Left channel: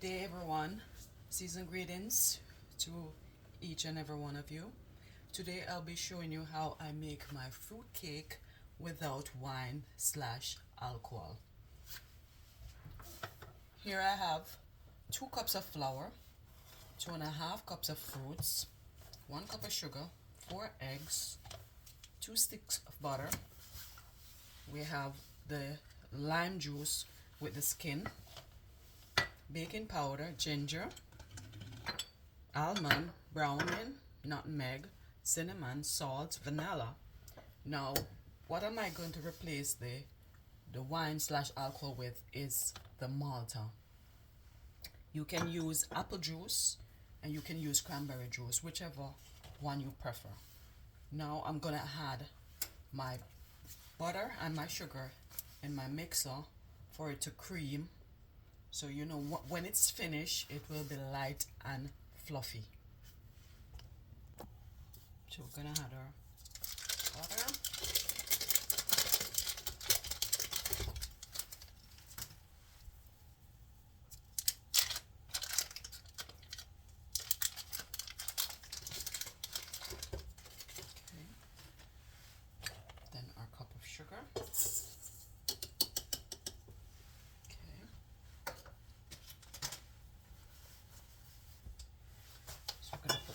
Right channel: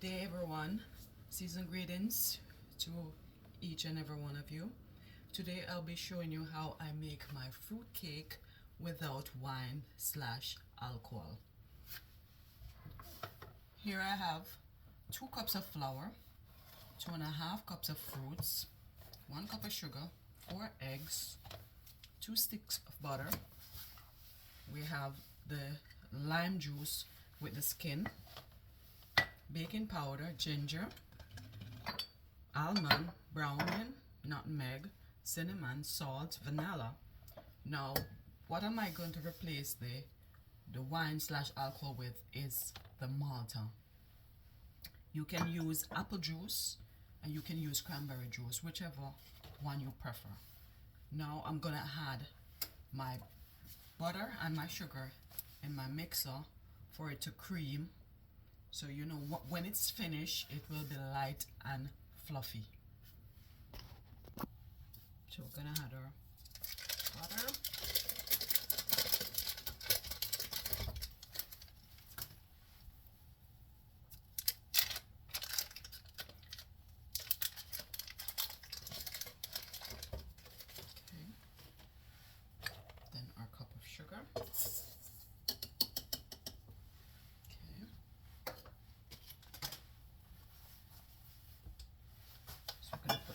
Good day, everyone. Seasoned greetings to each and every one of you. Today I'll be showing you how I make my fruit cake without wine/alcohol. Here I have 2 cups of flour, 2.5 cups of fruits, 1 cup of sugar, 4 eggs, 2 sticks of butter. We have the lime juice with the skin, baking powder, ginger, almond, browning, nutmeg, cinnamon, salt, vanilla. Now, what am I going to replace the wine/alcohol with is the Malta. You can use apple juice and you can use cranberry juice, whichever one you prefer. Now I'm gonna add my butter and my sugar in my mixer for it to cream, so you know when it's finished it will be light and fluffy. So we're gonna add our butter. Then our cup of sugar.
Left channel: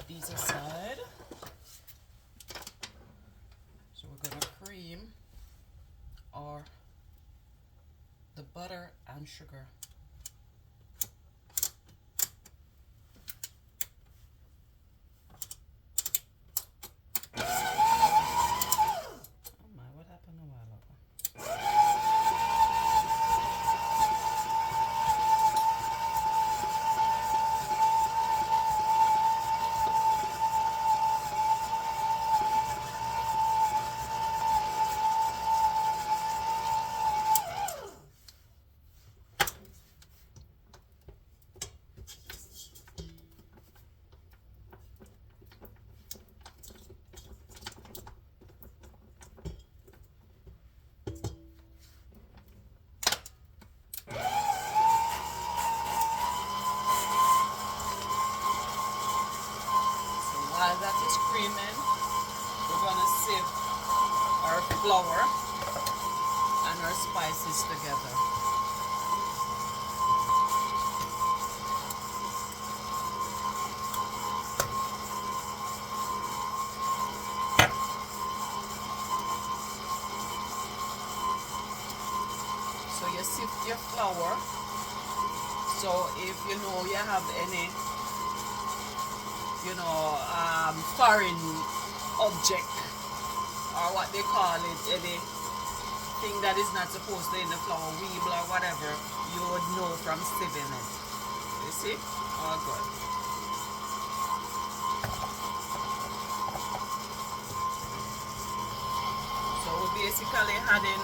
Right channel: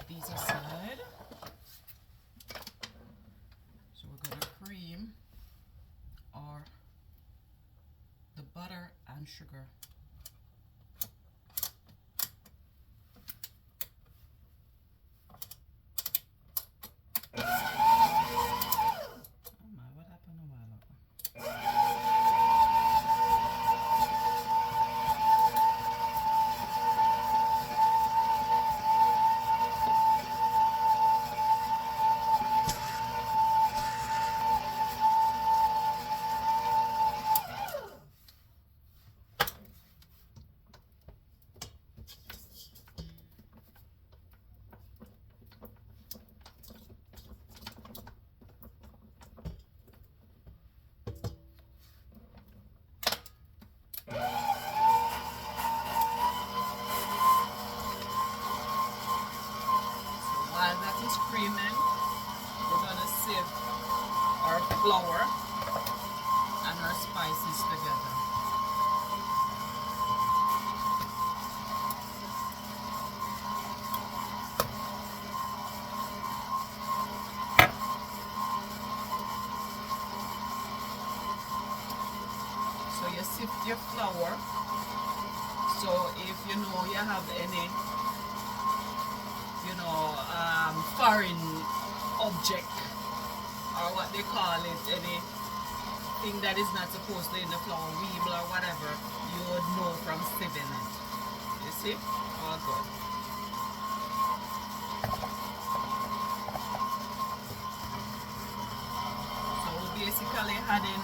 These aside. So we're going to cream the butter and sugar. Oh my, what happened a while ago? While that is creaming, we're going to sieve our flour and our spices together. So you sift your flour. So if you know you have any foreign object, or what they call it, anything that is not supposed to in the flour, weevil or whatever, you would know from sieving it. You see? All good. So we're basically adding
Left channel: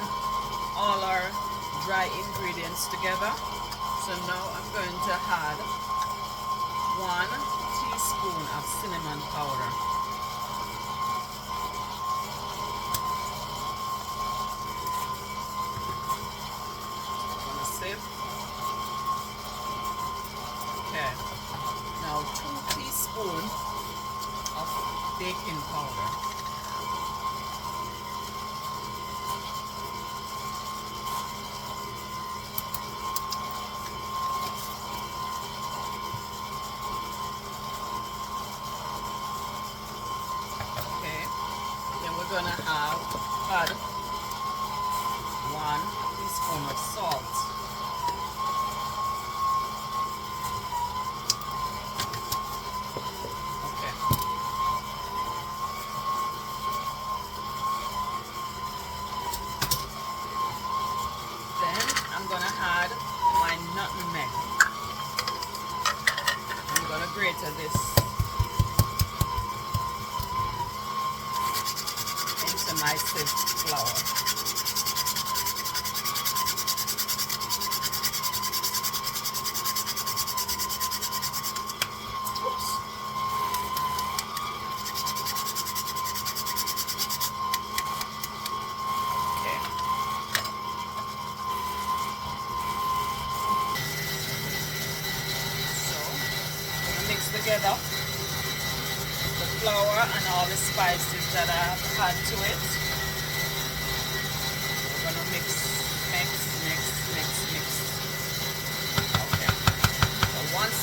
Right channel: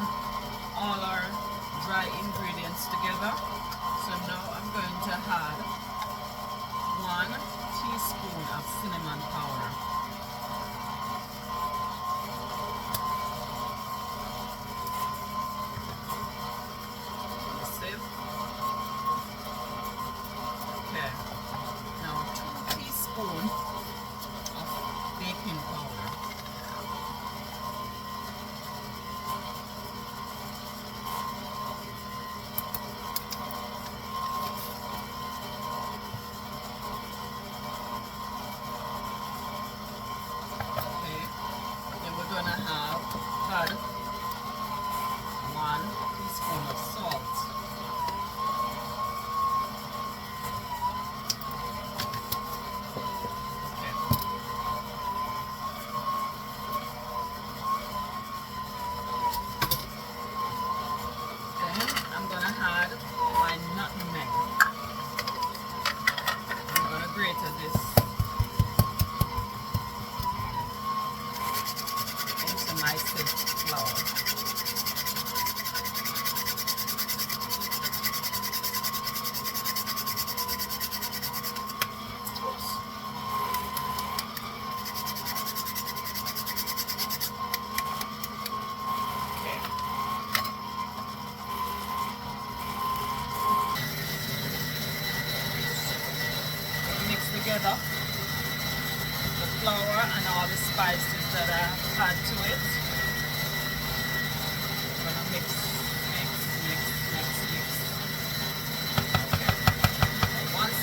all our dry ingredients together. So now I'm going to add 1 teaspoon of cinnamon powder. Okay. Now 2 teaspoons of baking powder. We're gonna add 1 teaspoon of salt. Okay. Then I'm gonna add my nutmeg. I'm gonna grate this my sieved flour. together the flour and all the spices that I've had to it. We're gonna mix, mix, mix, mix, mix. Okay. So once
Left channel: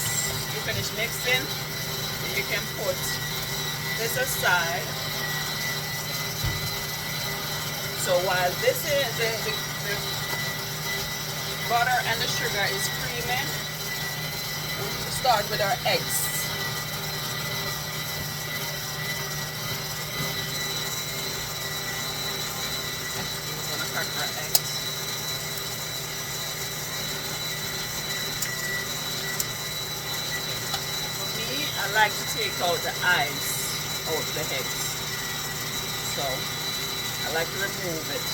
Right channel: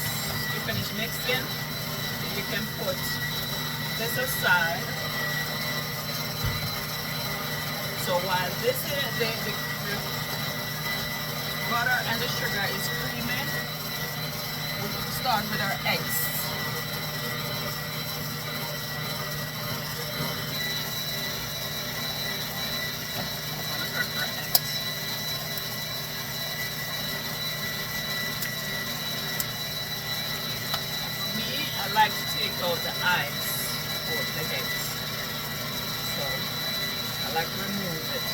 you finish mixing, you can put this aside. So while this is the butter and the sugar is creaming, we'll start with our eggs. We're gonna crack our eggs. Me, I like to take out the eyes out the eggs. So I like to remove it.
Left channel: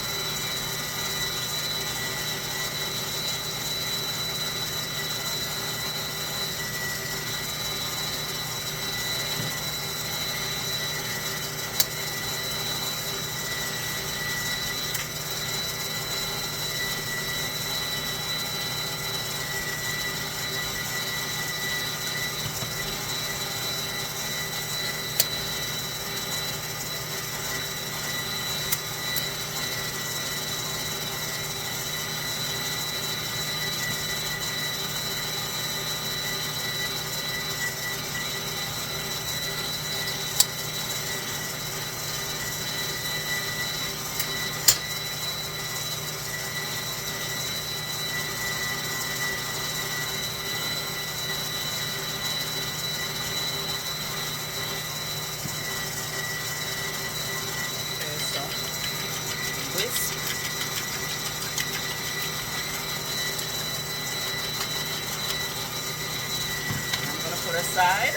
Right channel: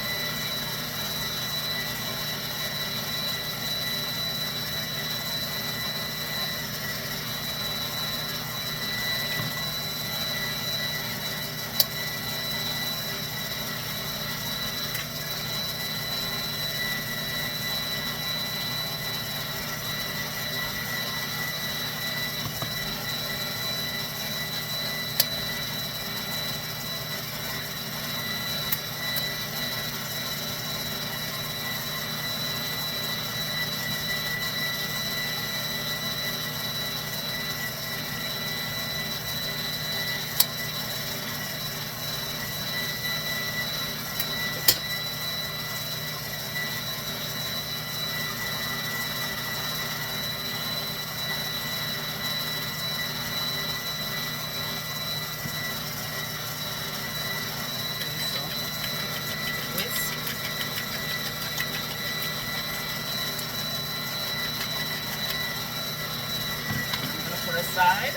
Aside.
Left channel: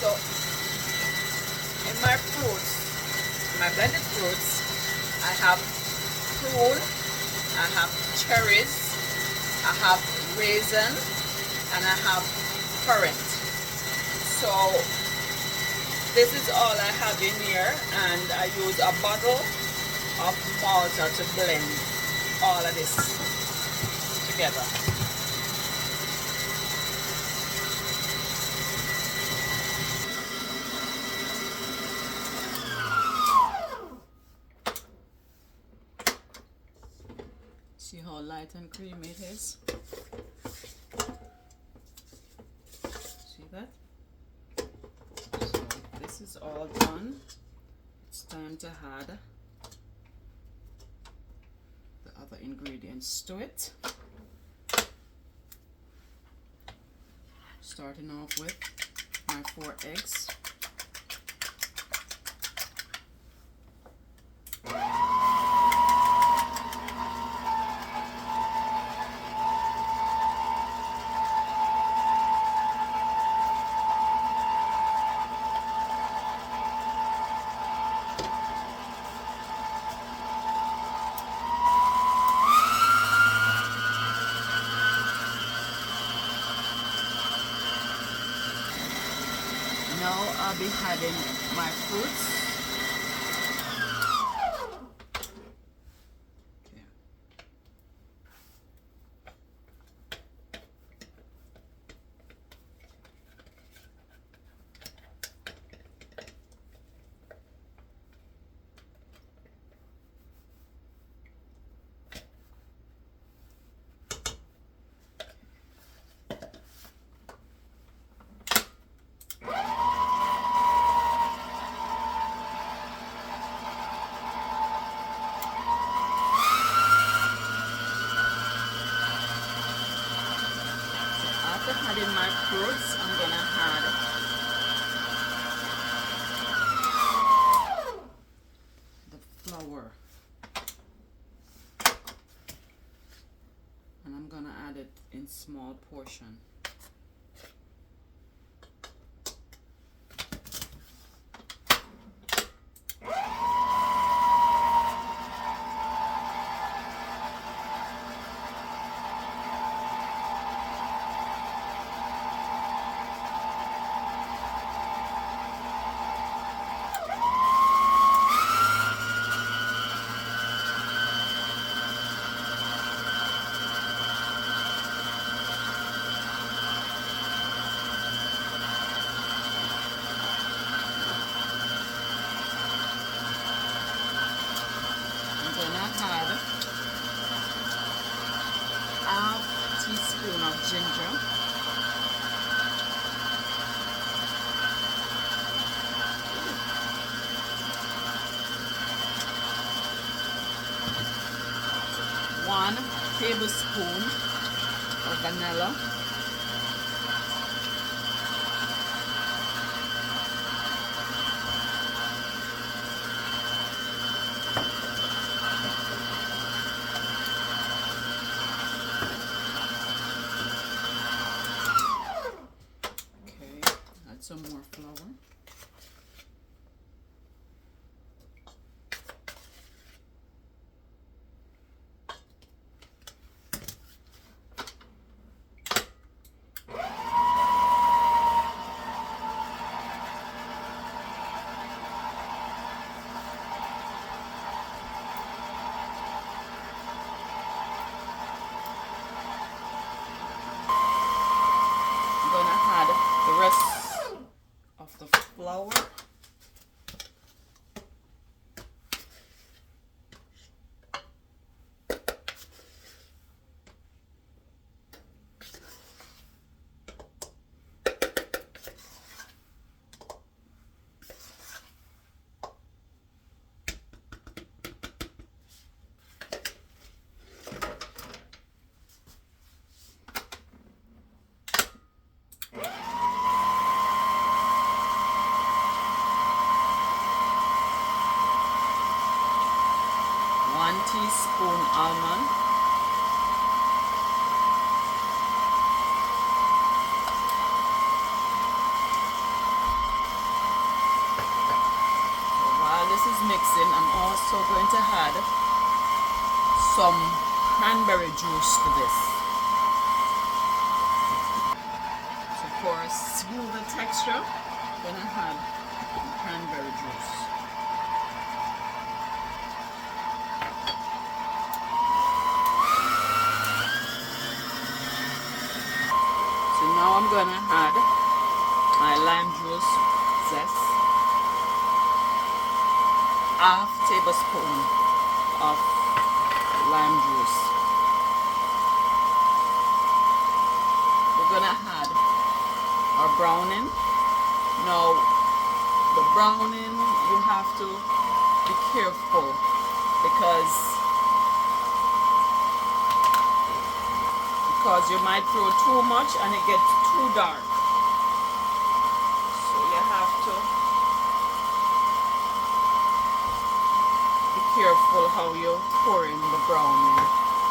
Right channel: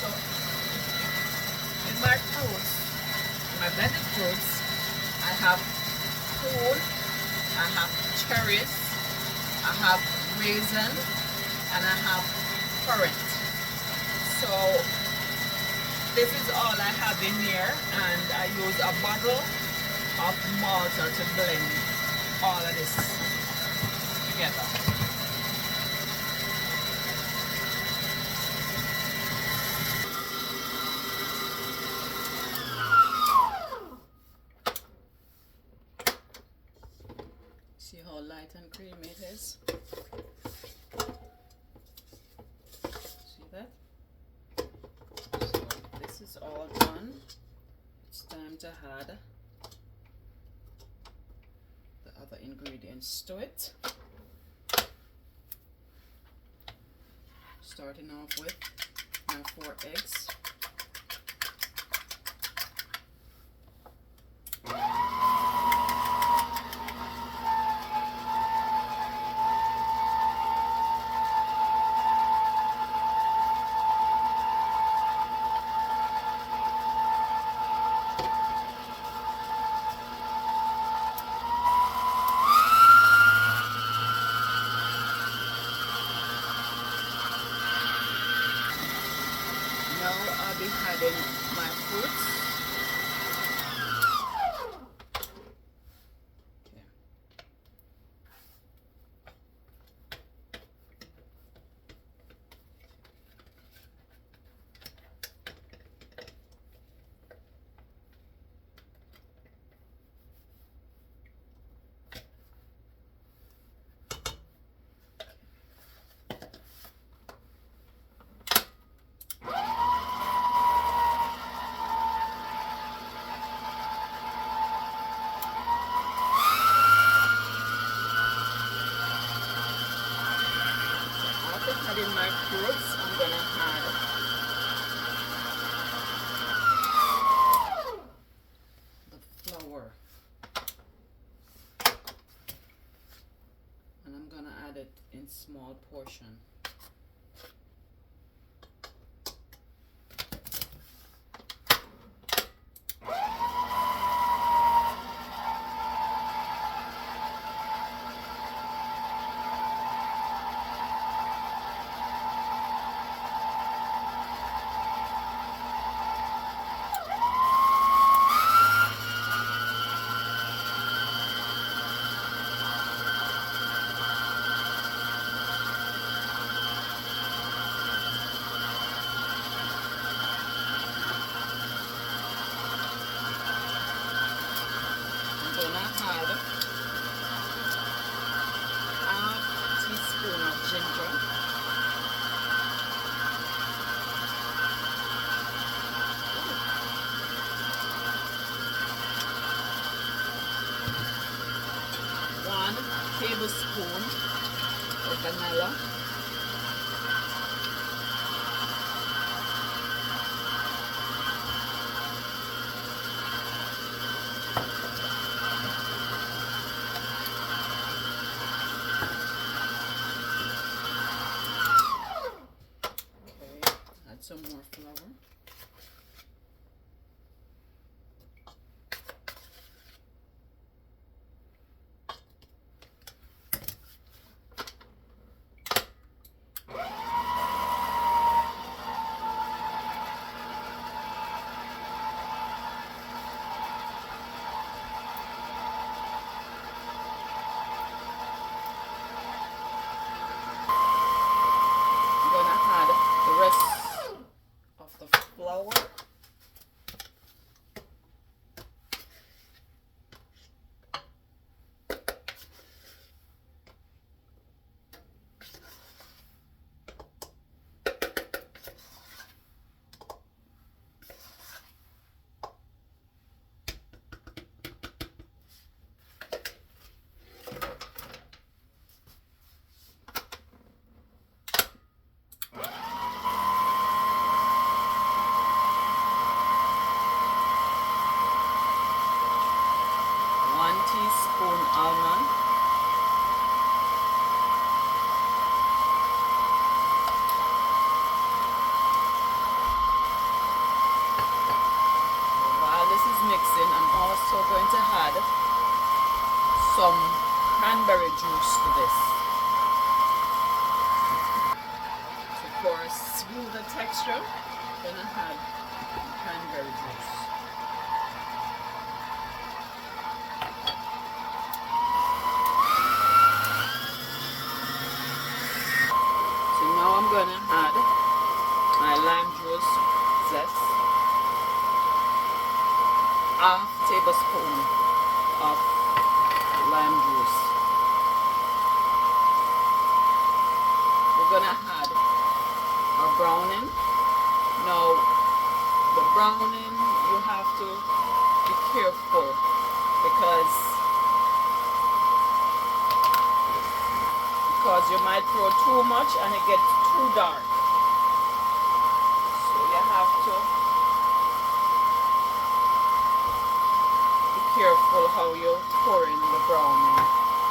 So in my fruits, my blended fruits, I have prune, I have cherries, I have raisin, and I have currant. So this is all I have in here, and I use a bottle of Malta to blend all of this together. See how light and creamy it is? See that? So this is all done. It's time to add the other ingredients to it. Starting off with my 4 eggs. Now I'll be adding my fruits. After adding my fruits, I'm gonna add the flour, and I'm gonna add it in small portion. ginger. One tablespoon of vanilla. Some more flour. I'm gonna add the rest of the flour. Teaspoon almond, while this is mixing, I'm also going to add some cranberry juice to this. So for a smoother texture, I'm going to add cranberry juice. Now I'm going to add my lime juice zest, half tablespoon of lime juice. We're going to add our browning. Now the browning, you have to be careful because you might throw too much and it gets too dark. So you have to be careful how you pour in the browning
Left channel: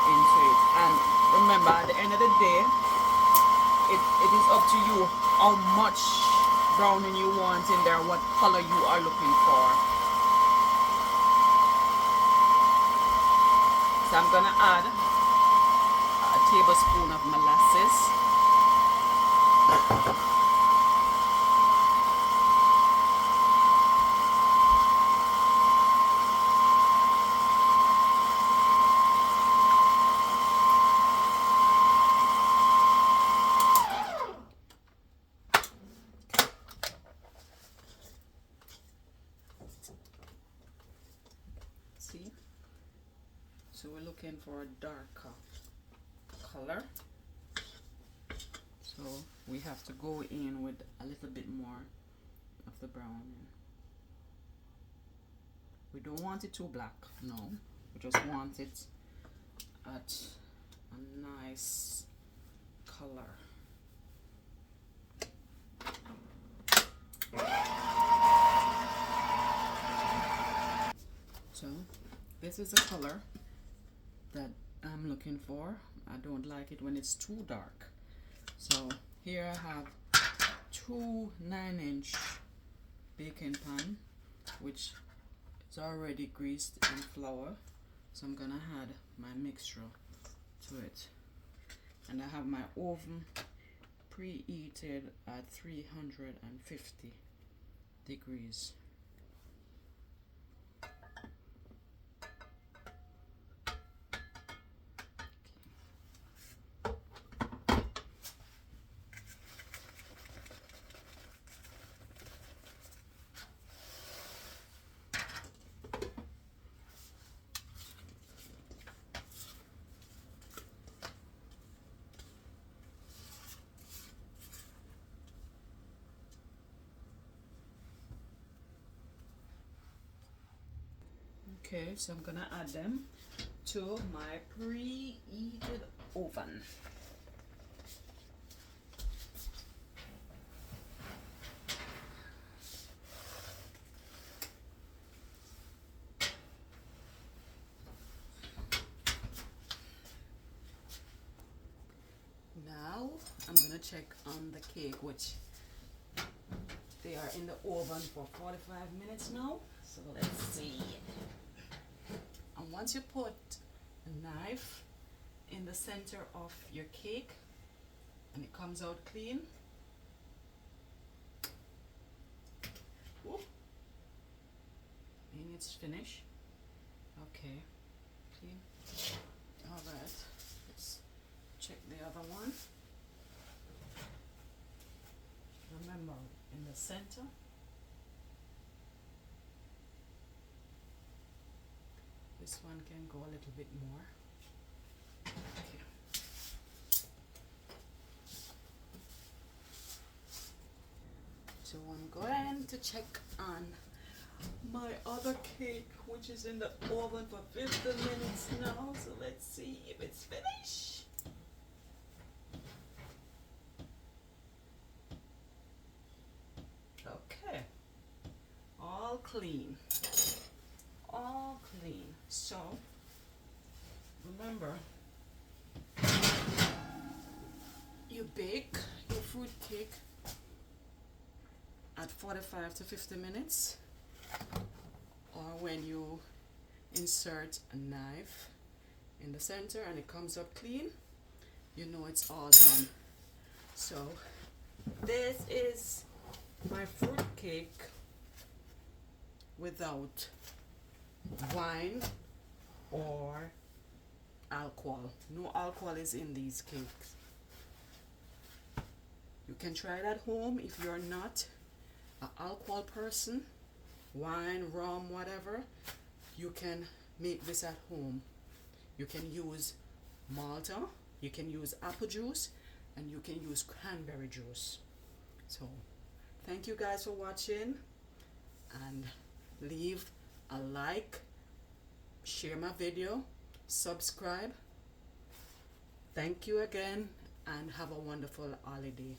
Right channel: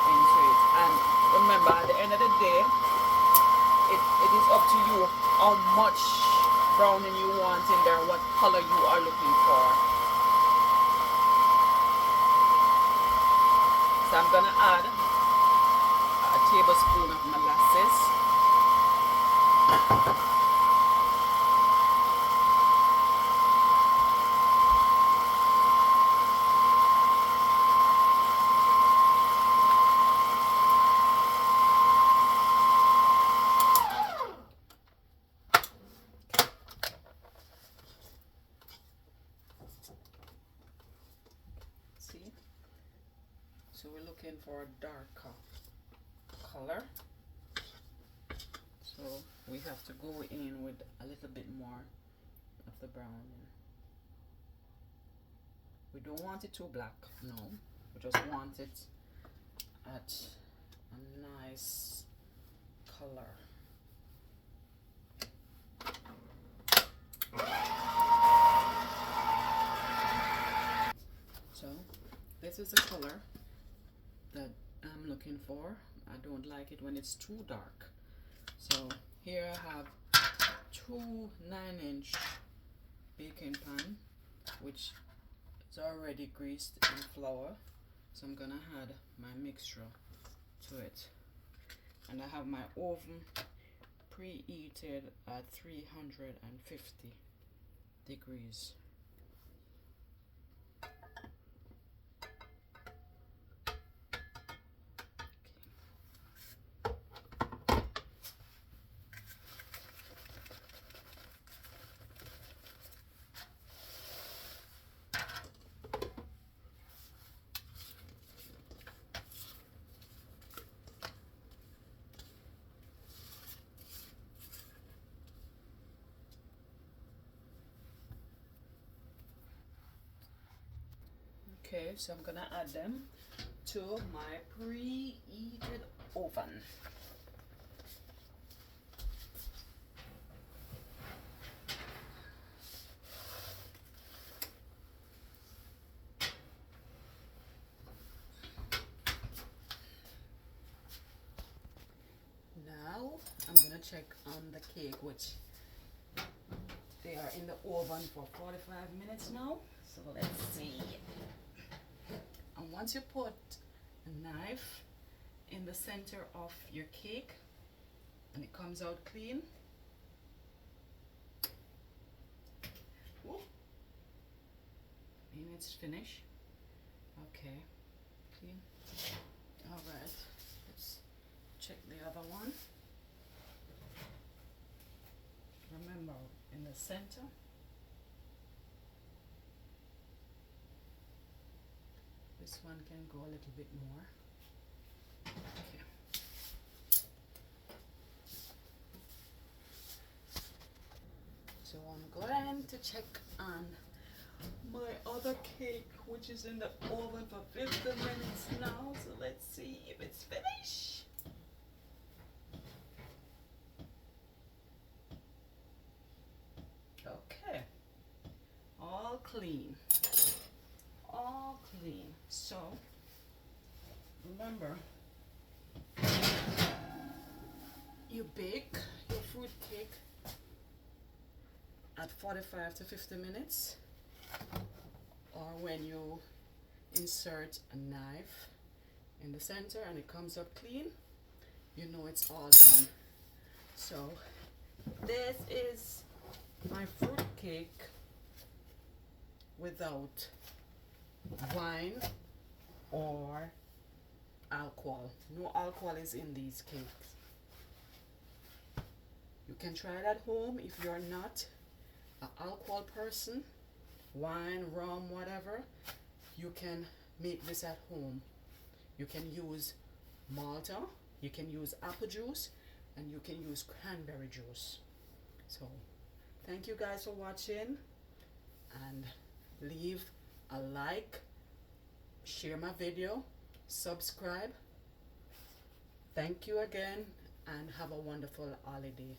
into it. And remember, at the end of the day, it is up to you how much browning you want in there, what color you are looking for. So I'm gonna add a tablespoon of molasses, see? So we're looking for a darker color. So we have to go in with a little bit more of the browning. We don't want it too black, no. We just want it at a nice color. So this is the color that I'm looking for. I don't like it when it's too dark. So here I have 2 9-inch baking pan, which is already greased in flour. So I'm gonna add my mixture to it. And I have my oven preheated at 350 degrees. Okay, so I'm gonna add them to my preheated oven. Now I'm gonna check on the cake, which they are in the oven for 45 minutes now. So let's see. And once you put a knife in the center of your cake and it comes out clean, whoop, and it's finished. Okay, clean. All right, let's check the other one. Remember, in the center, this one can go a little bit more. Okay. So I'm going to check on my other cake, which is in the oven for 50 minutes now. So let's see if it's finished. Okay, all clean, all clean. So remember, you bake your fruit cake at 45 to 50 minutes, or when you insert a knife in the center and it comes up clean, you know it's all done. So this is my fruit cake without wine or alcohol. No alcohol is in these cakes. You can try it at home if you're not an alcohol person. Wine, rum, whatever, you can make this at home. You can use Malta, you can use apple juice, and you can use cranberry juice. So thank you guys for watching, and leave a like, share my video, subscribe. Thank you again, and have a wonderful holiday.